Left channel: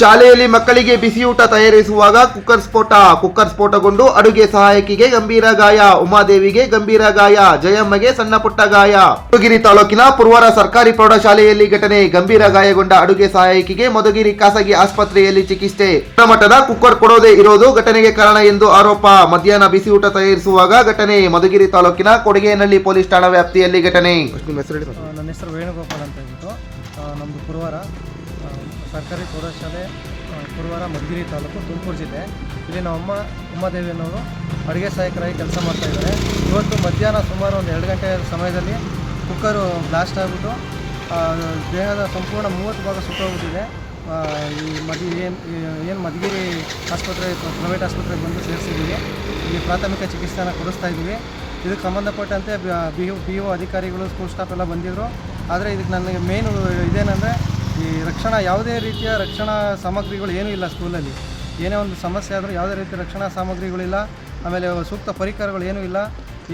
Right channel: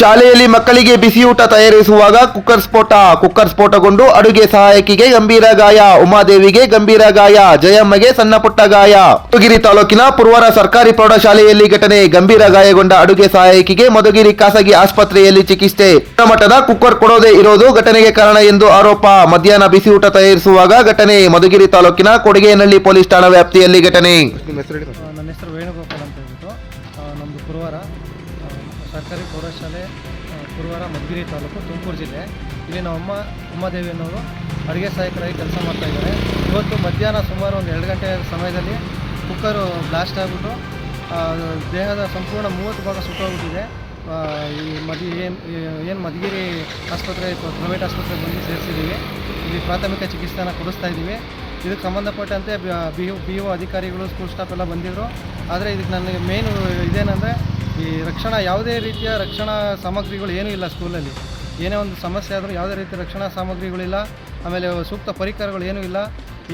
ಶಾಲೆಯಲ್ಲಿ ಮಕ್ಕಳಿಗೆ ಬಿಸಿಯೂಟ ತಯಾರಿಸುವಾಗ ಕುಕ್ಕರ್ ಸ್ಫೋಟಗೊಂಡು ಅಡುಗೆ ಸಹಾಯಕಿಗೆ ಗಂಭೀರ ಗಾಯ, ಉಮಾದೇವಿಗೆ ಗಂಭೀರ ಗಾಯ, ಜಯಮ್ಮಗೆ ಸಣ್ಣ ಪುಟ್ಟ ಗಾಯ. ಮಧುಗಿರಿ ತಾಲೂಕಿನ ಪುರವಾರ ಸರ್ಕಾರಿ ಪ್ರೌಢಶಾಲೆಯಲ್ಲಿ ಘಟನೆ. ಗಂಭೀರ ಗಾಯಗೊಂಡ ಅಡುಗೆ ಸಹಾಯಕಿಗೆ ಮಧುಗಿರಿ ಖಾಸಗಿ ಆಸ್ಪತ್ರೆಯಲ್ಲಿ ಚಿಕಿತ್ಸೆ. ಗುಣಮಟ್ಟದ ಕುಕ್ಕರ್ ಕೊಡೋದೇ ಇರೋದು ಘಟನೆಗೆ ಕಾರಣ ಎಂದು ಆರೋಪ. ಮಧ್ಯಾಹ್ನ ಬಿಸಿಯೂಟ ತಯಾರಿಸುವಾಗ ಘಟನೆ. ಮಧುಗಿರಿ ತಾಲೂಕಿನ ಕೊಡಗೇನಹಳ್ಳಿ ಪೊಲೀಸ್ ಠಾಣಾ ವ್ಯಾಪ್ತಿಯಲ್ಲಿ ಘಟನೆ. ನನ್ನ ಹೆಸರು ವೇಣುಗೋಪಾಲ್ ಅಂತ ಹೇಳ್ಬಿಟ್ಟು ನಮ್ಮದು ಪುರವಾರ ಸರ್ಕಾರಿ ಪ್ರೌಢಶಾಲೆ ಪುರವಾರ ಮಧುಗಿರಿ ತಾಲೂಕು ತುಮಕೂರು ಜಿಲ್ಲೆ. ಇಲ್ಲಿ ನಮ್ಮ ಉಮಾದೇವಿ ಅನ್ನೋರು ಅಡುಗೆ ಸಹಾಯಕರಾಗಿ ಕೆಲಸ ಮಾಡ್ತಾಯಿದ್ದಾರೆ. ಇವತ್ತು ಮಧ್ಯಾಹ್ನ ಸುಮಾರು ಒಂದು 2 ಗಂಟೆ ಸಮಯದಲ್ಲಿ ಕುಕ್ಕರು ಬ್ಲಾಸ್ಟ್ ಆಗಿಬಿಟ್ಟು ದೇಹದ ಸಂಪೂರ್ಣ 30 ಭಾಗ ಸುಟ್ಟೋಗ್ಬಿಟ್ಟಿದೆ. ಏನು ಮಧುಗಿರಿ ಆಸ್ಪತ್ರೆ ಪ್ರೈವೇಟ್ ಆಸ್ಪತ್ರೆಗೆ ಬಂದು ಸೇರಿಸಿದ್ದೀವಿ. ಇಲ್ಲಿ ಪ್ರಾಥಮಿಕ ಚಿಕಿತ್ಸೆನ ಕೊಡಿಸ್ತಾ ಇದ್ದೀವಿ. ಇದಕ್ಕೆ ಸಂಬಂಧಪಟ್ಟಂತೆ ಬಿ ಒ ಅಧಿಕಾರಿಗಳು, ಸ್ಕೂಲ್ ಸ್ಟಾಫ್ ಎಲ್ಲ ಬಂದಿದ್ದರು. ಆದರೆ ಇದಕ್ಕೆ ನನಗೆ ಮೇಯ್ನು ಇದೇನೆಂದರೆ ಈ ಯಾವುದೇ ರೀತಿಯ ರಕ್ಷಣಾ ಸಾಮಗ್ರಿಗಳು ಏನೂ ಇಲ್ಲ ಸ್ಕೂಲಲ್ಲಿ. ಏನೇ ಒಂದು ಸಮಸ್ಯೆ ಆದರೂ ಯಾವುದೇ ರೀತಿಯ ರಕ್ಷಣಾ ಸಾಮಗ್ರಿಗಳಿಲ್ಲ. ಆಮೇಲೆ ಸೂಕ್ತ ಪರಿಕರಗಳು ಏನೂ ಇಲ್ಲ.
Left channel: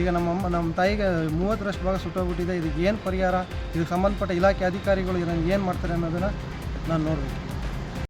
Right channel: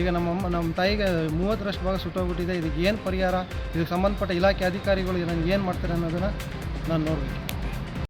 ಈಗ ನಮ್ಮ ತಾಯಿಗೆ 30ರಷ್ಟು ಭಾಗ ಸುಟ್ಟೋಗ್ಬಿಟ್ಟಿದೆ. ಇದಕ್ಕೆ ಏನು ಪರಿಹಾರ, ಇದಕ್ಕೆ ಸಂಬಂಧಪಟ್ಟ ಇಲಾಖೆ ಅಧಿಕಾರಿಗಳು ಇದನ್ನು ಏನು ಮಾಡ್ತಾರೆ ಅನ್ನೋದನ್ನು ನಾನು ನೋಡಬೇಕು.